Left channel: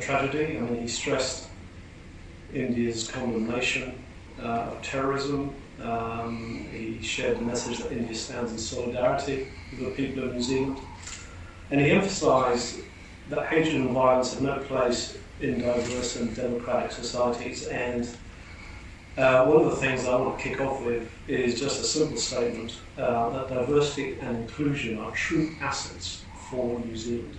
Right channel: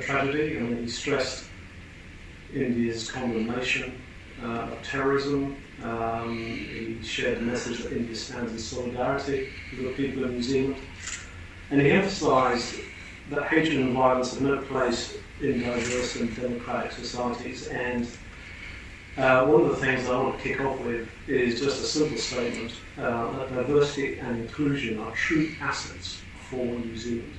tragedy. I mean, he stressed India's condemnation of terrorism. He shared the message that India stands in solidarity with the people of New Zealand. And he emphasised that hatred and violence have no place in diverse and democratic societies. And one of the things I want to kick off with is just a simple statement that diversity and inclusion are true assets for New Zealand.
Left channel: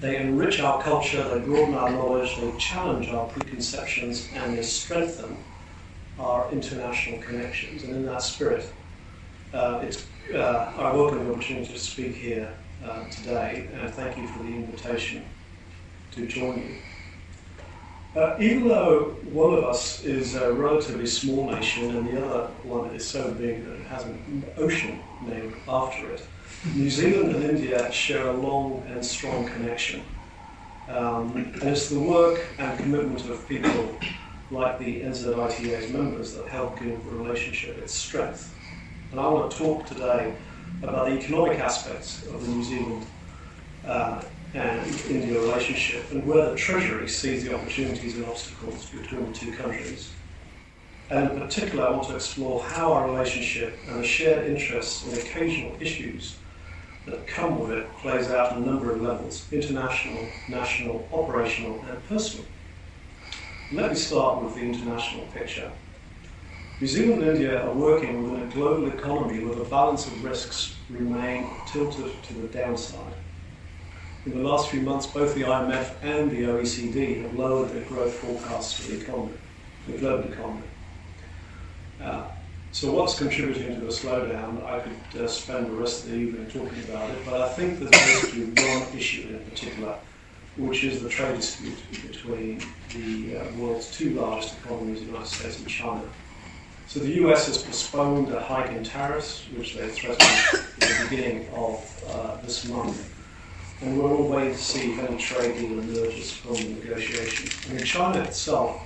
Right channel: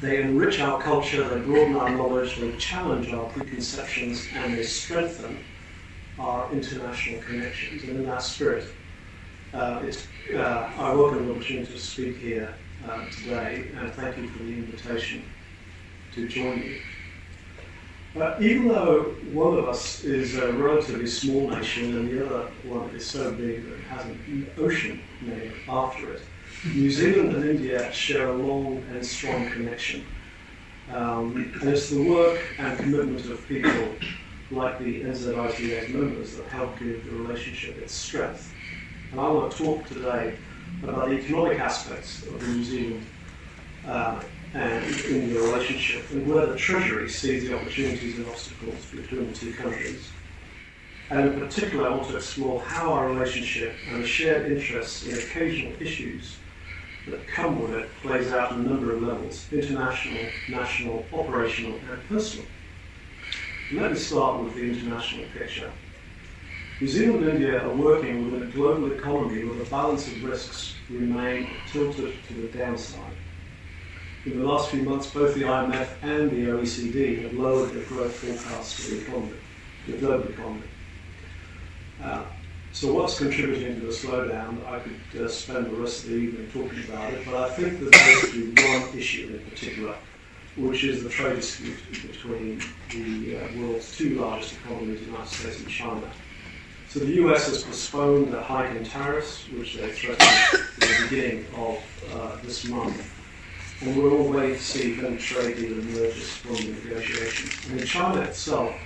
They enrich our culture, they broaden our knowledge, they challenge our preconceptions, and they strengthen our international connections. And in that spirit, I welcome the opportunity to speak here today, and thank you for the invitation to join you. Even though one of us is a relatively small nation and the other one is so big that it has an ocean named after it, New Zealand and India share a long and strong connection. And it's the work and commitment of people like the NZITA's members that help give the relationship its strength. And I want to talk today about the economic aspects of the New Zealand and India relationship, and where the Treasury sees the opportunities and obstacles between the two countries. And in particular, I want to explore how our relationship and the shared interests in occasional issues that come with it plays out on a number of levels: international, national, operational, and personal. Let me start with the international picture. New Zealand and India are working within a global economy where the balance of risks remain tilted to the downside. In the last few months, both the IMF and the OECD have lowered their growth forecasts for the economy, the global economy. So what's contributing to the slowdown? I could spend the rest of the evening talking about it, but I think there's basically one issue in particular, which is the trade dispute between the world's two largest economies, the United States and China. So the US has postponed a hike in tariffs, which they threatened at the beginning of this month. And we're all waiting to see if any trade deal emerges from the negotiations. I mean, China itself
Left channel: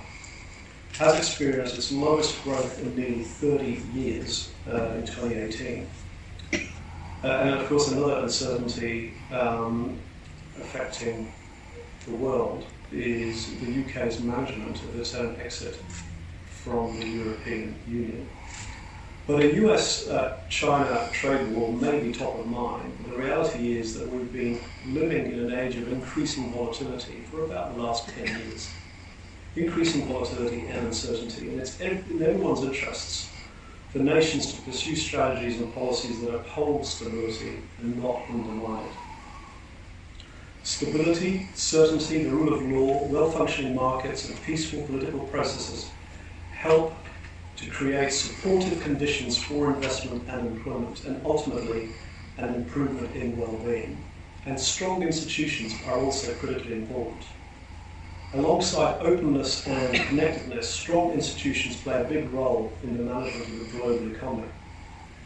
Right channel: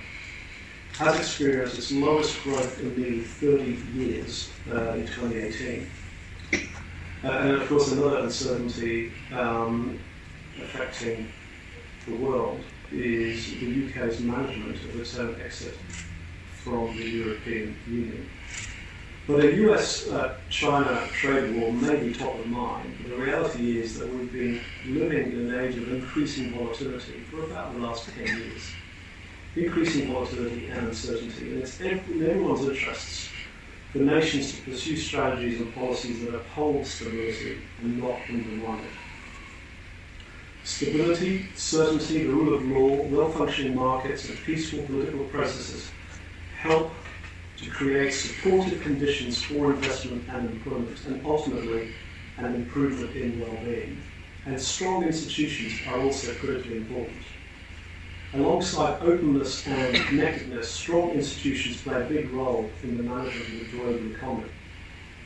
has experienced its lowest growth in nearly 30 years in 2018. And of course, another uncertainty affecting the world is the UK's management of its own exit from the European Union. But a US-China trade war may be top of mind. The reality is that we've been living in an age of increasing volatility for about the last 10 years. Increasing volatility and uncertainty, and it's in everyone's interests for nations to pursue strategies and policies that uphold stability and not undermine it. Stability, certainty, the rule of law, well-functioning markets, and peaceful political processes help to create supportive conditions for investment and employment, and ultimately an improvement in well-being. And strong institutions are also critically important. Alongside openness and connectedness, strong institutions play a big role in the management of the global economy,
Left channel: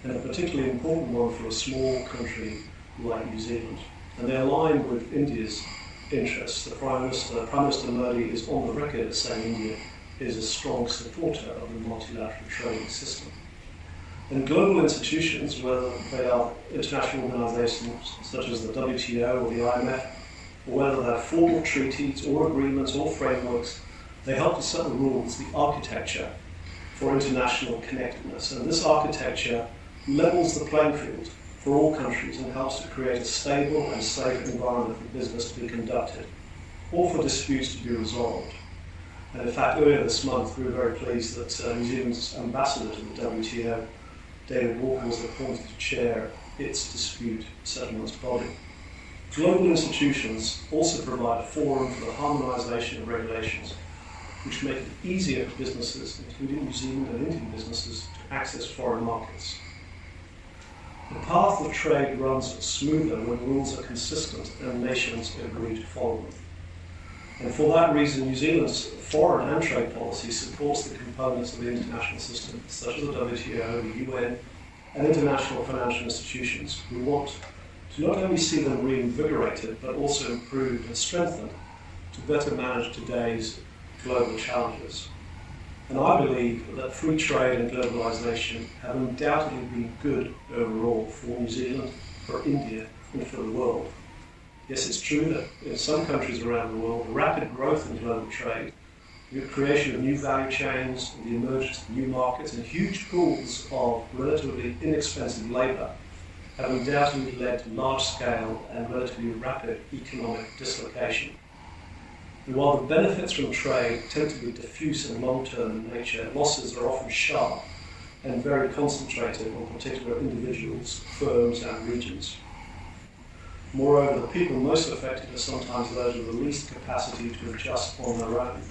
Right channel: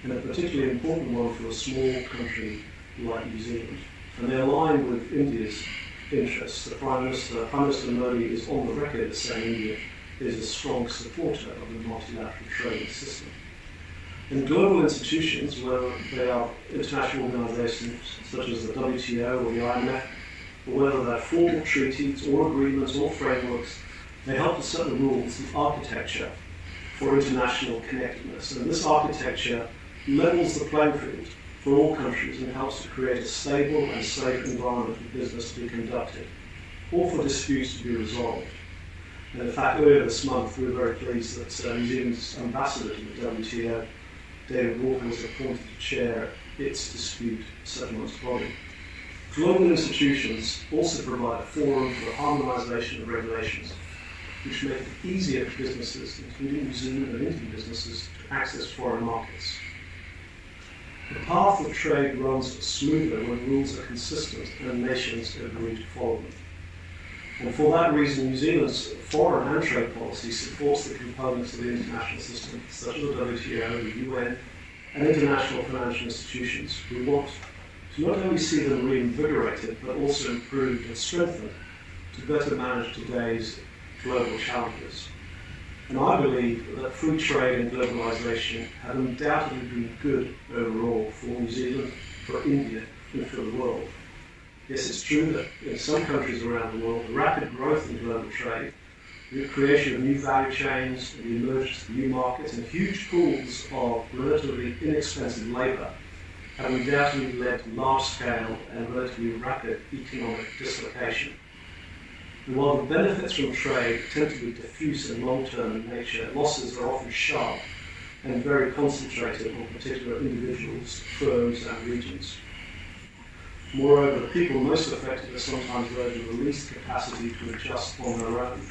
and a particularly important one for a small country like New Zealand. And they align with India's interests. The Prime Minister Modi is on the record saying India is a strong supporter of the multilateral trading system. And global institutions, whether they are international organisations such as the WTO or the IMF, or whether they're formal treaties or agreements or frameworks, they help to set the rules, the architecture for international connectedness. And this architecture levels the playing field for all countries and helps to create a stable and safe environment for business to be conducted, or for disputes to be resolved. And in fact, earlier this month, we were very pleased that New Zealand's ambassador to the WTO, David Walker, was appointed to chair its dispute settlements body. Global institutions also provide a forum for the harmonisation of regulations, which make it easier for businesses, including New Zealand and Indian businesses, to access foreign markets. The path of trade runs smoother when rules are consistent and nations agree to follow them. And for that reason, New Zealand's foreign and trade policy supports the components of the international system, such as the WTO, the UN, and international financial institutions, who want to not only see them reinvigorated, but also improved and strengthened to better manage today's global challenges. And I believe that free trade and globalisation have undoubtedly been good overall for New Zealand, for India, and for the world. Yes, it's true that in some countries around the world, the rapid growth in global trade, the creation of new value chains, the emergence of new markets, and huge pools of relatively inexpensive labour have undoubtedly led to large-scale and relatively rapid economic dislocation. And while the benefits from trade tend to be diffuse and long-term in nature, losses are often sharp and very concentrated on particular individuals, firms, and regions. Moreover, the people most affected are sometimes those with the least capacity to adjust on their own.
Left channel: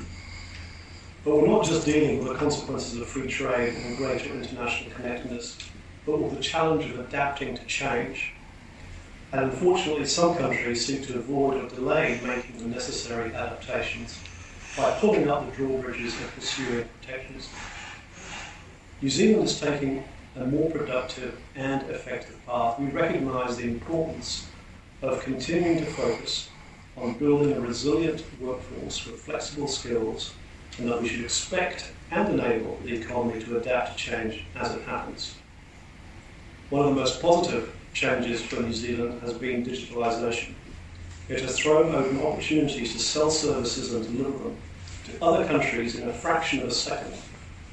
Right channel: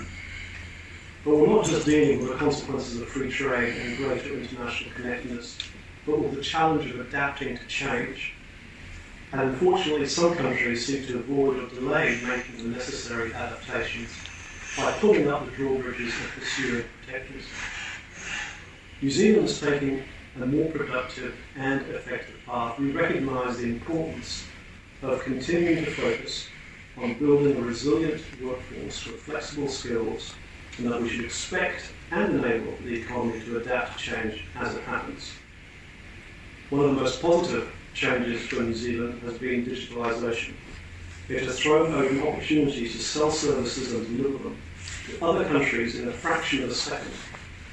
But we're not just dealing with the consequences of free trade and greater international connectedness, but with the challenge of adapting to change. And unfortunately, some countries seek to avoid or delay making the necessary adaptations by pulling up the drawbridges and pursuing protectionism. New Zealand is taking a more productive and effective path. We recognise the importance of continuing to focus on building a resilient workforce with flexible skills, and that we should expect and enable the economy to adapt to change as it happens. One of the most positive changes for New Zealand has been digitalisation. It has thrown open opportunities to sell services and deliver them to other countries in a fraction of a second,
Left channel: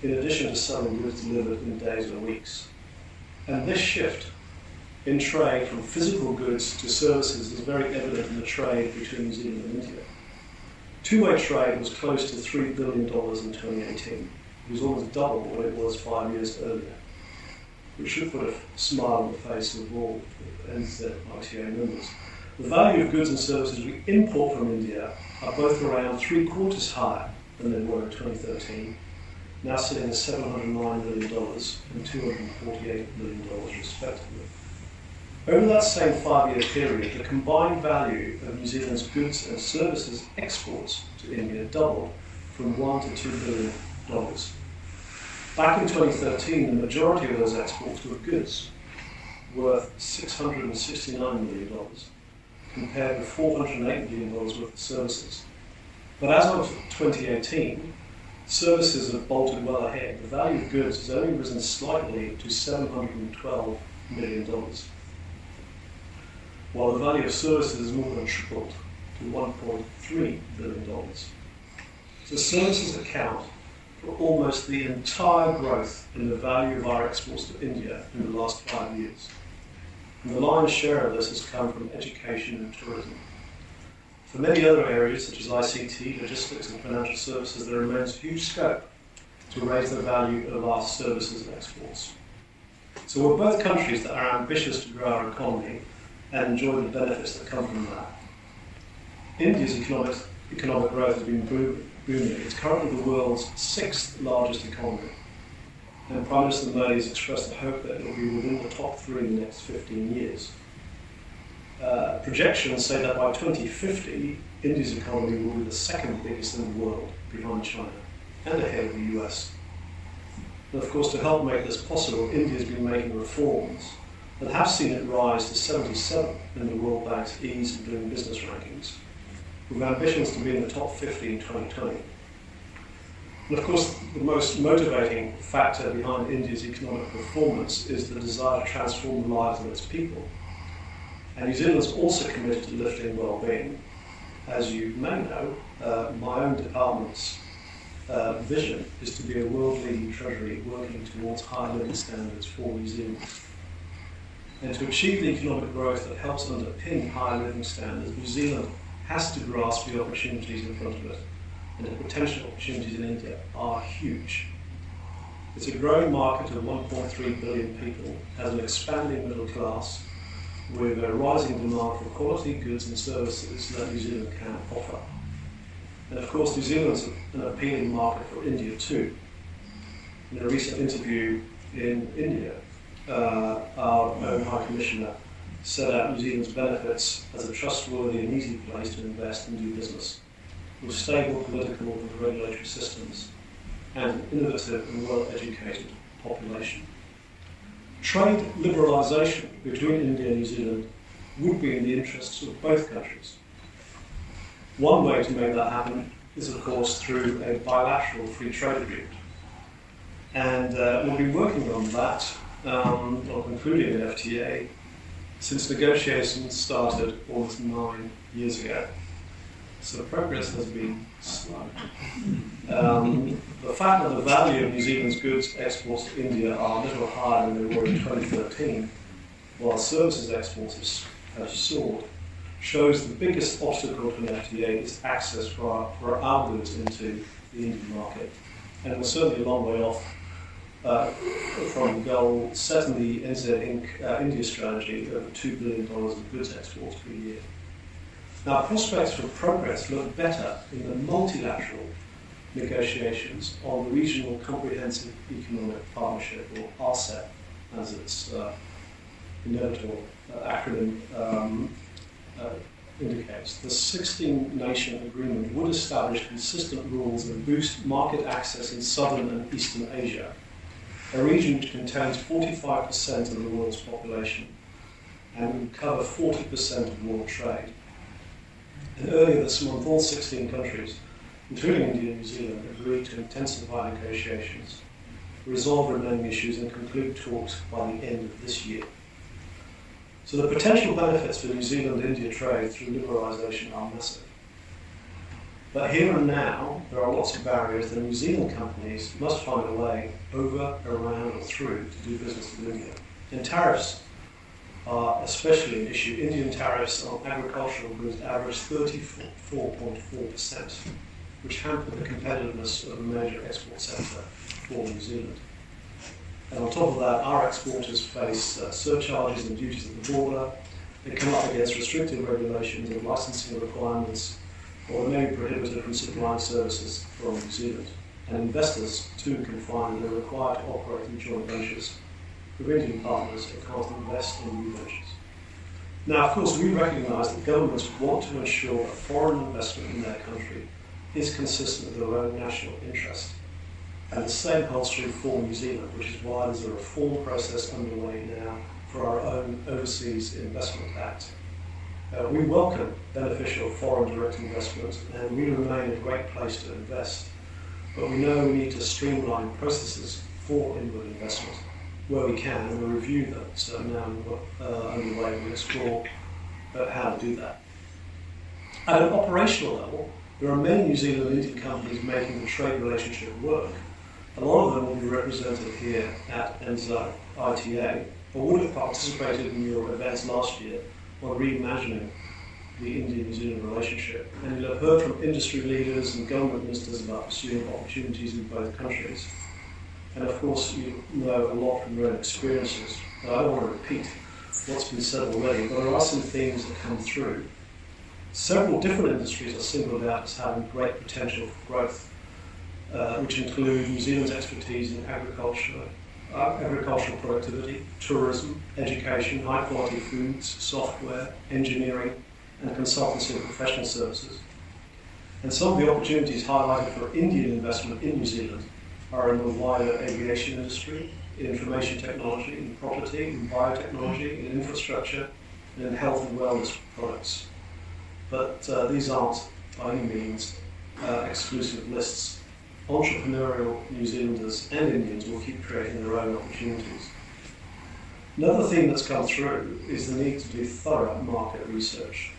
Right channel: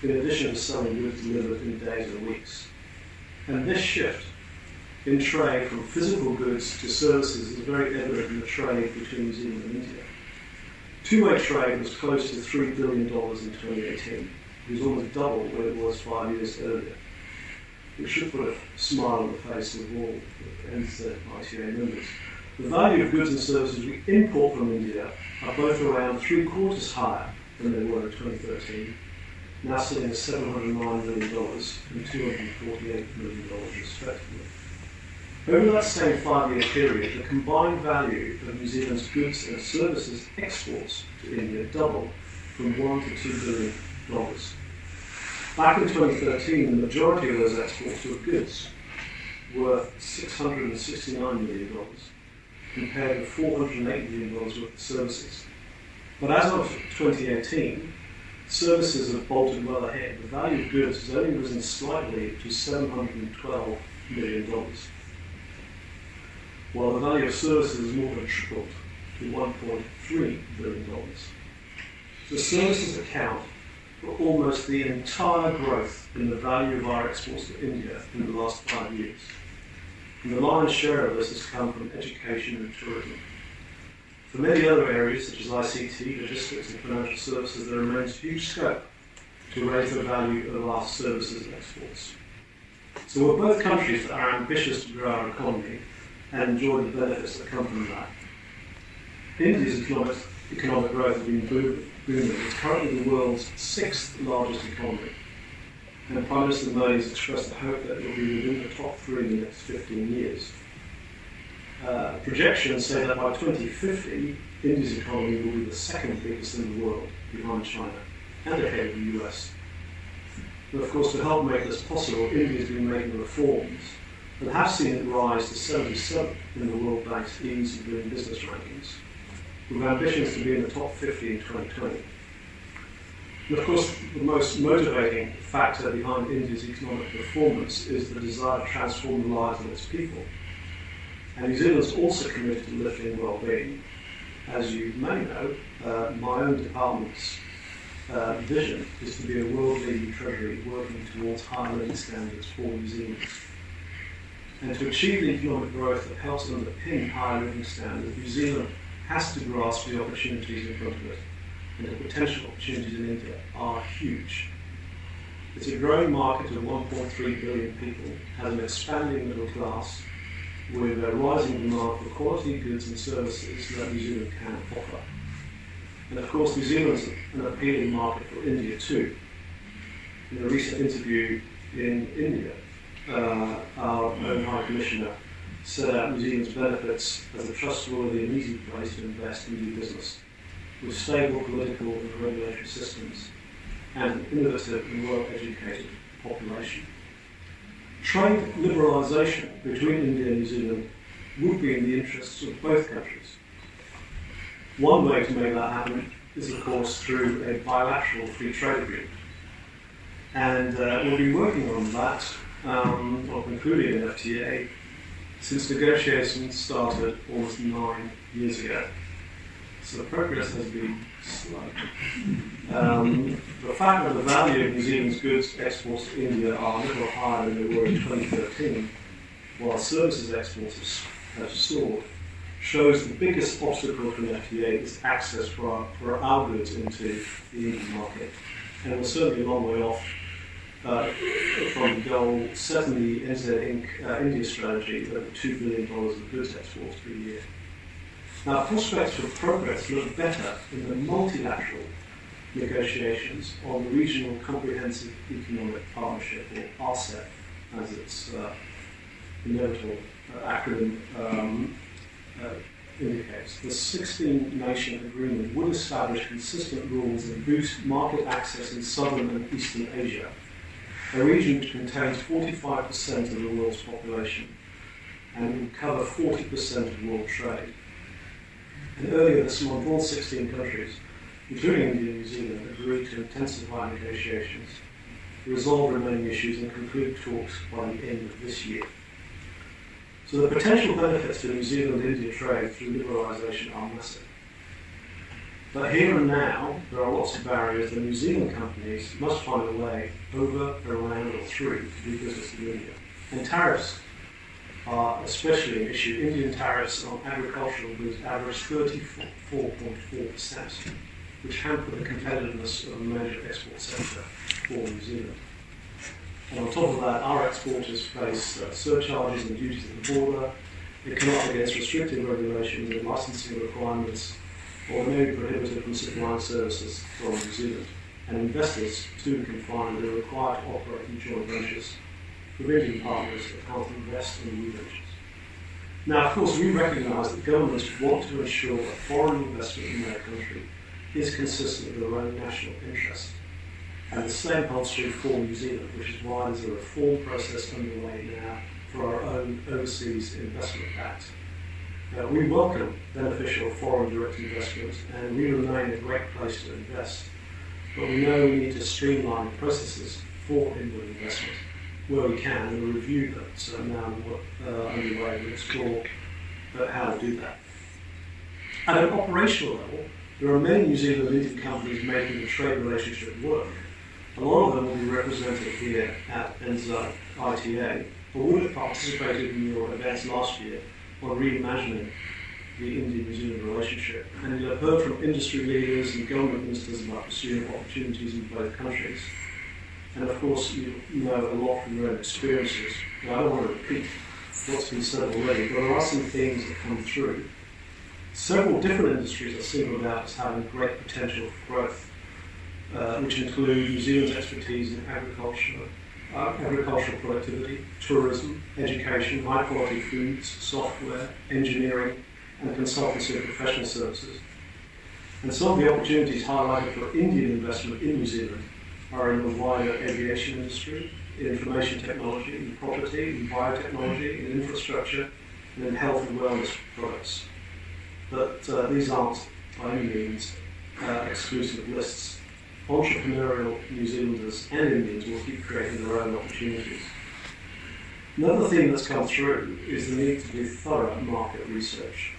in addition to selling goods delivered in days or weeks. And this shift in trade from physical goods to services is very evident in the trade between New Zealand and India. Two-way trade was close to $3 billion in 2018. It was almost double what it was 5 years earlier, which should put a smile on the face of all NZITA members. The value of goods and services we import from India are both around 3/4 higher than they were in 2013, now sitting at $709 million and $248 million respectively. Over that same 5-year period, the combined value of New Zealand's goods and services exports to India doubled from $1 to $2 billion. Back in 2013, the majority of those exports were goods worth $669 million, compared with $408 million worth of services. But as of 2018, services have bolted well ahead. The value of goods has only risen slightly to $712 million, while the value of services has more than tripled to $1.3 billion. So services account for almost the entire growth in the value of our exports to India in the last 5 years. And the lion's share of this has come from education and tourism. For many other areas, such as ICT, logistics and financial services, there remains huge scope to raise the value of our services and exports. So we're both countries that are ambitious to grow our economy and enjoy the benefits that come from that. India's economic growth has been booming. It's currently the world's 6th largest economy. And Prime Minister Modi has expressed the hope that it will be within the top 3 in the next 15 years. Projections say that by 2050, India's economy will be the 2nd biggest in the world, behind China, and ahead of the US. And of course, to help make this possible, India has been making reforms that have seen it rise to 77 in the World Bank's Ease of Doing Business rankings, with ambitions to be in the top 50 in 2020. And of course, the most motivating factor behind India's economic performance is the desire to transform the lives of its people. And New Zealand's also committed to lifting well-being. As you may know, my own department's vision is to be a world-leading treasury working towards higher living standards for New Zealand. And to achieve the economic growth that helps underpin higher living standards, New Zealand has to grasp the opportunities in front of it. And the potential opportunities in India are huge. It's a growing market of 1.3 billion people, has an expanding middle class, with a rising demand for quality goods and services that New Zealand can offer. And of course, New Zealand's an appealing market for India too. In a recent interview in India, our own High Commissioner set out New Zealand's benefits as a trustworthy and easy place to invest and do business, with stable political and regulatory systems, and an innovative and well-educated population. Trade liberalisation between India and New Zealand would be in the interests of both countries. One way to make that happen is, of course, through a bilateral free trade agreement. And we'll be working on that, on concluding an FTA since negotiations started almost 9 years ago. So progress has been slow. The fact that the value of New Zealand's goods exports to India are a little higher than they were in 2013, while services exports have soared, shows the biggest obstacle for FTA is access for our goods into the Indian market. And we're certainly a long way off from the goal set in the NZITA India strategy of $2 billion of goods exports per year. Now, prospects for progress look better in the multilateral negotiations on the Regional Comprehensive Economic Partnership, or RCEP, as its inevitable acronym indicates. The 16-nation agreement would establish consistent rules that boost market access in southern and eastern Asia, a region which contains 45% of the world's population and will cover 40% of world trade. And earlier this month, all 16 countries, including India and New Zealand, agreed to intensify negotiations, resolve remaining issues, and conclude talks by the end of this year. So the potential benefits for New Zealand-India trade through liberalisation are massive. But here and now, there are lots of barriers that New Zealand companies must find a way over, around, or through to do business in India. And tariffs are especially an issue. Indian tariffs on agricultural goods average 34.4%, which hamper the competitiveness of a major export sector for New Zealand. And on top of that, our exporters face surcharges and duties at the border. They come up against restrictive regulations and licensing requirements, or they may be prohibited from supplying services from New Zealand. And investors, too, can find that they're required to operate in joint ventures with Indian partners that can't invest in new ventures. Now, of course, we recognise that governments want to ensure that foreign investment in their country is consistent with their own national interest. And the same holds true for New Zealand, which is why there's a reform process underway now for our own Overseas Investment Act. We welcome beneficial foreign direct investment, and we remain a great place to invest. But we know we need to streamline processes for inward investment where we can, and the review that's now underway will explore how to do that. At an operational level, there are many New Zealand and Indian companies making the trade relationship work. A lot of them will be represented here at NZITA, or would have participated in your events last year on reimagining the Indian-New Zealand relationship. And you'll have heard from industry leaders and government ministers about pursuing opportunities in both countries. And of course, you know a lot from your own experiences. But I don't want to repeat what's been said already, but there are some things that come through. Several different industries are singled out as having great potential for growth, which include New Zealand's expertise in agricultural productivity, tourism, education, high-quality foods, software, engineering, and consultancy and professional services. And some of the opportunities highlighted for Indian investment in New Zealand are in the wider aviation industry, in information technology, in property, in biotechnology, in infrastructure, and in health and wellness products. But these aren't, by any means, exclusive lists. Entrepreneurial New Zealanders and Indians will keep creating their own opportunities. Another theme that's come through is the need to do thorough market research.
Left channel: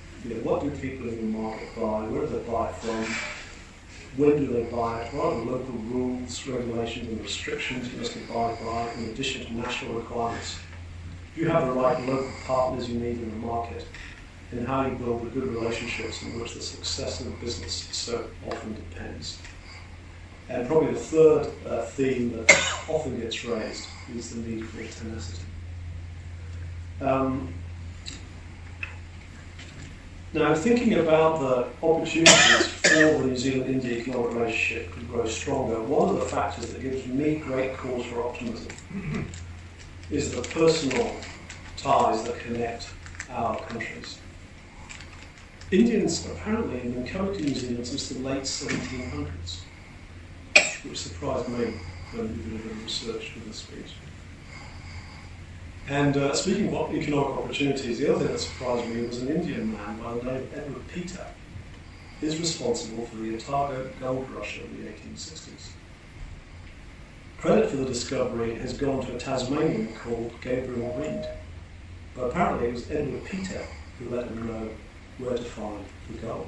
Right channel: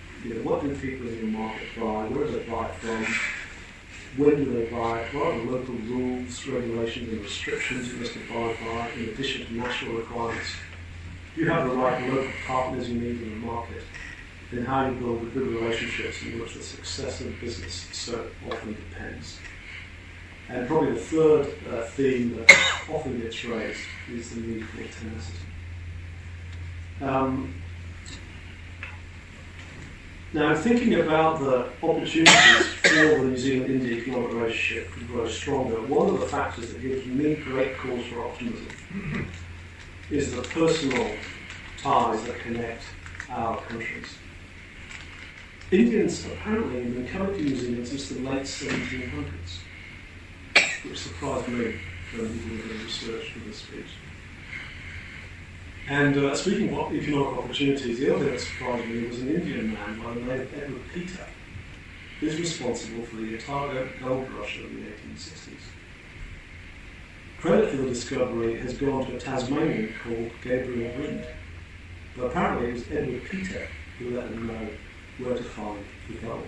What do people in your market buy? Where do they buy it from? When do they buy it? What are the local rules, regulations, and restrictions you must abide by, in addition to national requirements? You have the right local partners you need in the market, and how you build the good relationships in which the success of the business so often depends. And probably the third theme that often gets raised is the need for tenacity. Now, thinking about the opportunities for the New Zealand-India economic relationship to grow stronger, one of the factors that gives me great cause for optimism is the personal ties that connect our countries. Indians apparently have been coming to New Zealand since the late 1700s, which surprised me when we did a bit of research for this speech. And speaking of economic opportunities, the other thing that surprised me was an Indian man by the name of Edward Peter, who's responsible for the Otago gold rush of the 1860s. Credit for the discovery has gone to a Tasmanian called Gabriel Wind, But apparently it was Edward Peter who let them know where to find the gold.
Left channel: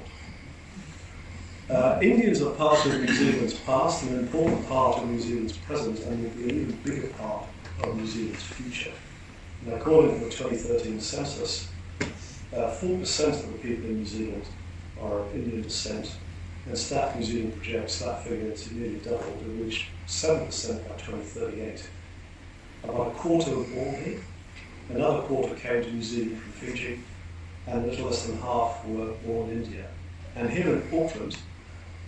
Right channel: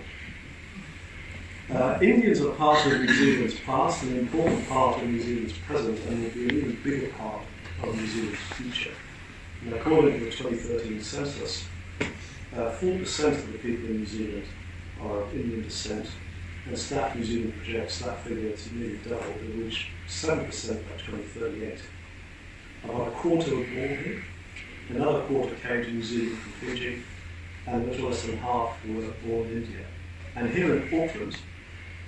Indians are part of New Zealand's past, an important part of New Zealand's present, and will be an even bigger part of New Zealand's future. And according to the 2013 census, 4% of the people in New Zealand are of Indian descent, and Staff New Zealand projects that figure to nearly double, to reach 7% by 2038. About a quarter were born here, another quarter came to New Zealand from Fiji, and a little less than half were born in India. And here in Auckland,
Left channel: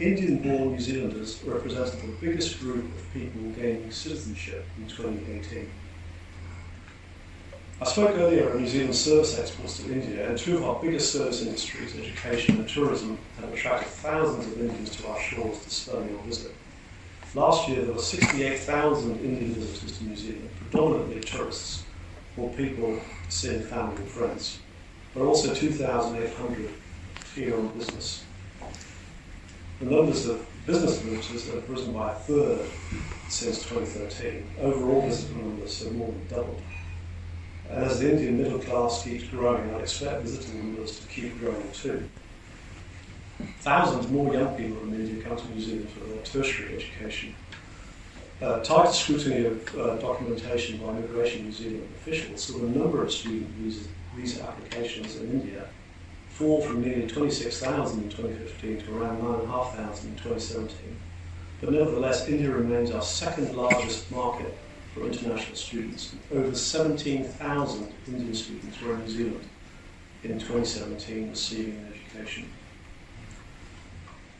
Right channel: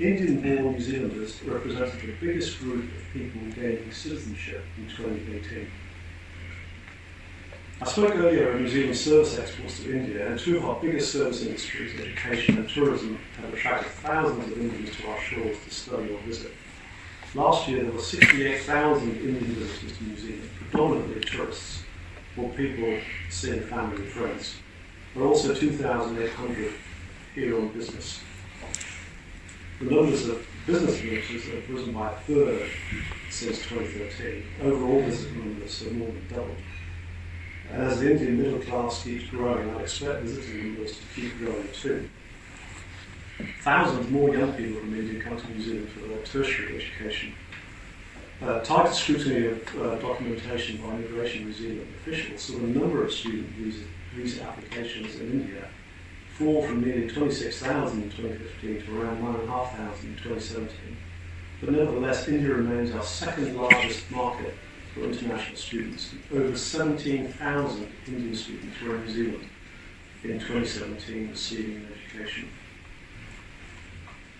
Indian-born New Zealanders represented the biggest group of people gaining citizenship in 2018. I spoke earlier of New Zealand's service exports to India, and two of our biggest service industries, education and tourism, have attracted thousands of Indians to our shores to study or visit. Last year there were 68,000 Indian visitors to New Zealand, predominantly tourists, or people seeing family and friends. There are also 2,800 here on business. The numbers of business visitors have risen by a third since 2013. Overall visitor numbers have more than doubled. And as the Indian middle class keeps growing, I expect visitor numbers to keep growing too. Thousands more young people from India come to New Zealand for their tertiary education. Tighter scrutiny of documentation by Immigration New Zealand officials saw the number of student visa applications in India fall from nearly 26,000 in 2015 to around 9,500 in 2017. But nevertheless, India remains our second largest market for international students. Over 17,000 Indian students were in New Zealand in 2017 receiving an education.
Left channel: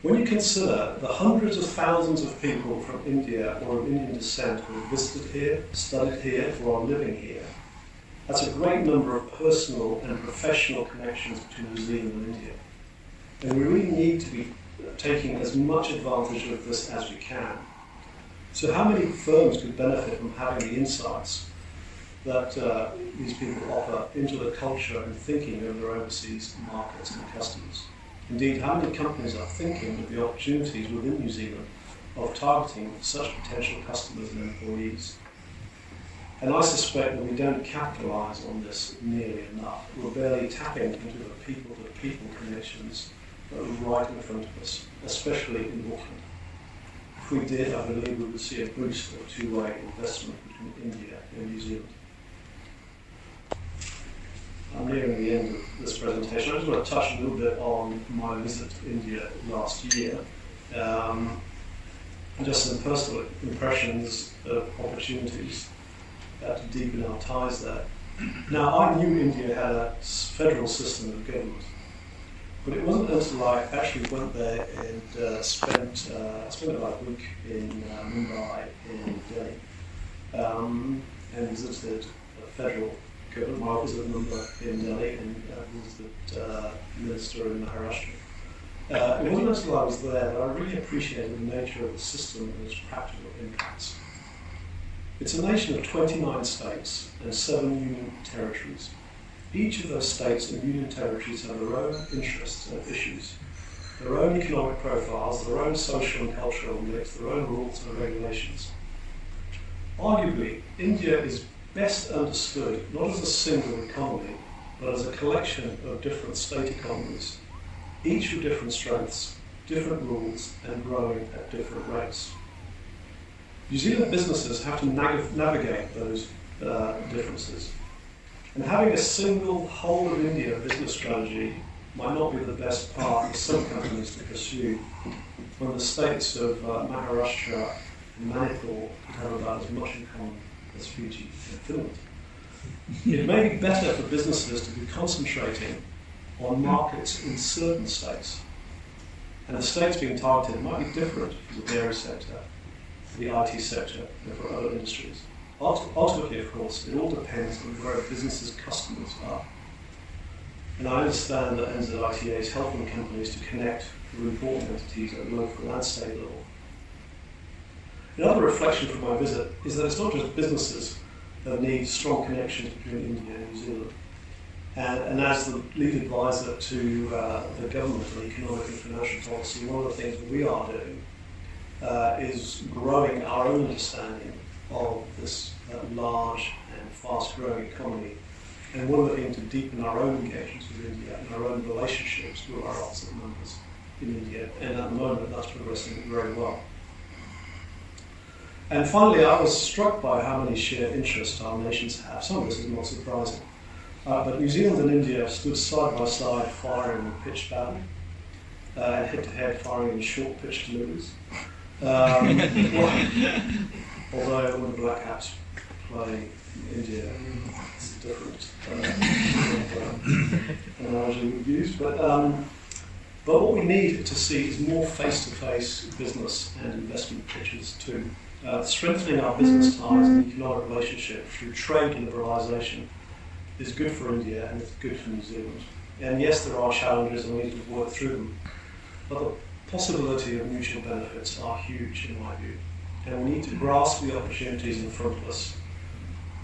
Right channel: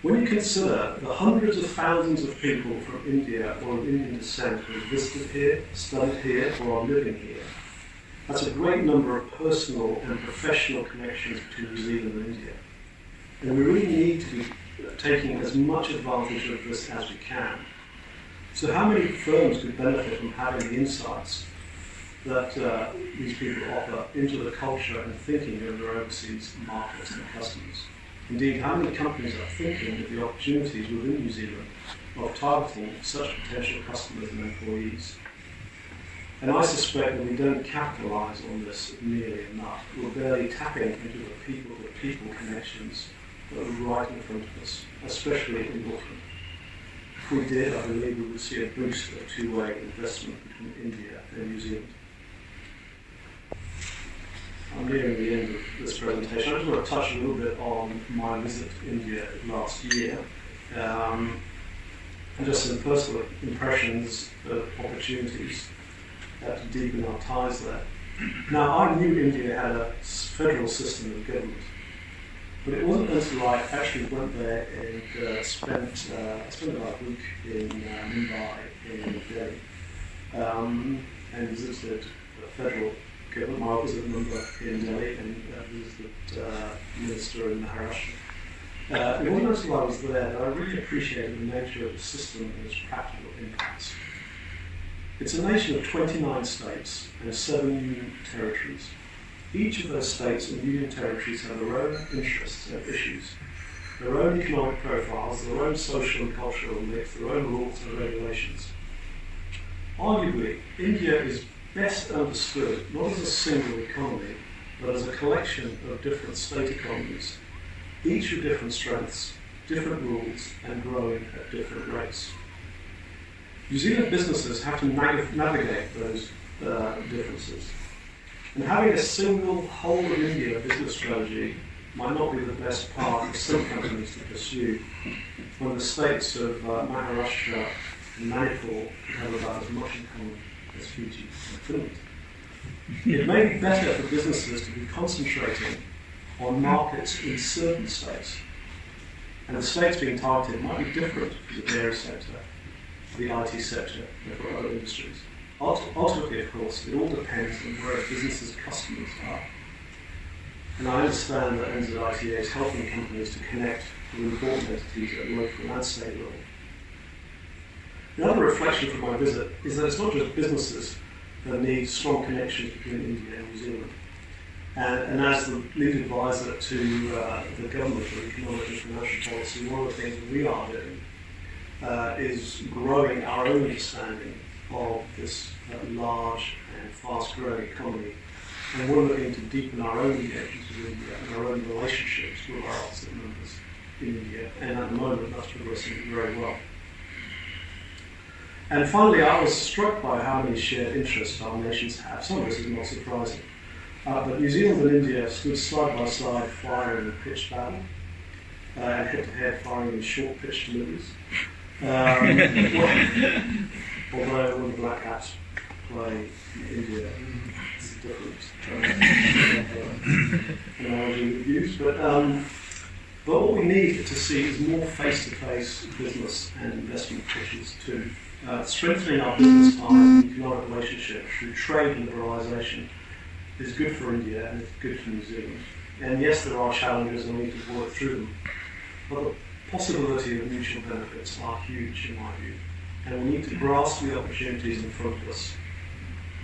When you consider the hundreds of thousands of people from India or of Indian descent who have visited here, studied here, or are living here, that's a great number of personal and professional connections between New Zealand and India. And we really need to be taking as much advantage of this as we can. So how many firms could benefit from having the insights that these people offer into the culture and thinking of their overseas markets and customers? Indeed, how many companies are thinking of the opportunities within New Zealand of targeting such potential customers and employees? And I suspect that we don't capitalise on this nearly enough. We're barely tapping into the people-to-people connections that are right in front of us, especially in Auckland. If we did, I believe we would see a boost of two-way investment between India and New Zealand. I'm nearing the end of this presentation. I just want to touch a little bit on my visit to India last year, and just some personal impressions of opportunities to deepen our ties there. Now, I knew India had a federal system of government, but it wasn't until I actually went there and spent about a week in Mumbai, in Delhi, and visited a federal government. I was a member in Delhi and was the minister in Maharashtra. It wasn't until I was there that I really appreciated the nature of the system and its practical impacts. It's a nation of 29 states and 7 union territories. Each of those states and union territories have their own interests and issues, their own economic profiles, their own social and cultural mix, their own rules and regulations. Arguably, India is best understood not as a single economy, but as a collection of different state economies, each with different strengths, different rules, and growing at different rates. New Zealand businesses have to navigate those differences. And having a single whole of India business strategy might not be the best path for some companies to pursue when the states of Maharashtra and Manipur have about as much in common as Fiji and Finland. It may be better for businesses to be concentrating on markets in certain states, and the states being targeted might be different for the dairy sector, for the IT sector, and for other industries. Ultimately, of course, it all depends on where a business's customers are. And I understand that NZITA is helping companies to connect with important entities at local and state level. Another reflection from my visit is that it's not just businesses that need strong connections between India and New Zealand. And as the lead advisor to the government for economic and financial policy, one of the things that we are doing is growing our own understanding of this large and fast-growing economy and we're looking to deepen our own engagements with India and our own relationships with our opposite members in India, and at the moment that's progressing very well. And finally, I was struck by how many shared interests our nations have. Some of this is not surprising. But New Zealand and India stood side by side firing in pitched battle, and head-to-head firing in short pitch deliveries. Although when the Black Caps play in India, it's a different analogy we've used. But what we need to see is more face-to-face business and investment pitches too. Strengthening our business ties and economic relationships through trade and liberalisation is good for India and it's good for New Zealand. And yes, there are challenges and we need to work through them. But the possibility of mutual benefits are huge in my view. And we need to grasp the opportunities in front of us.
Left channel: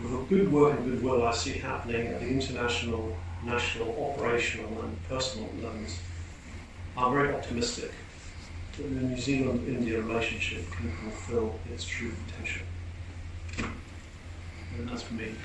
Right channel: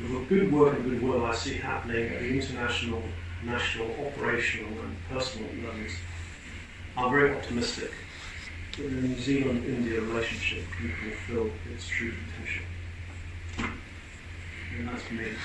With the good work and goodwill I see happening at the international, national, operational and personal levels, I'm very optimistic that the New Zealand-India relationship can fulfill its true potential. And that's me.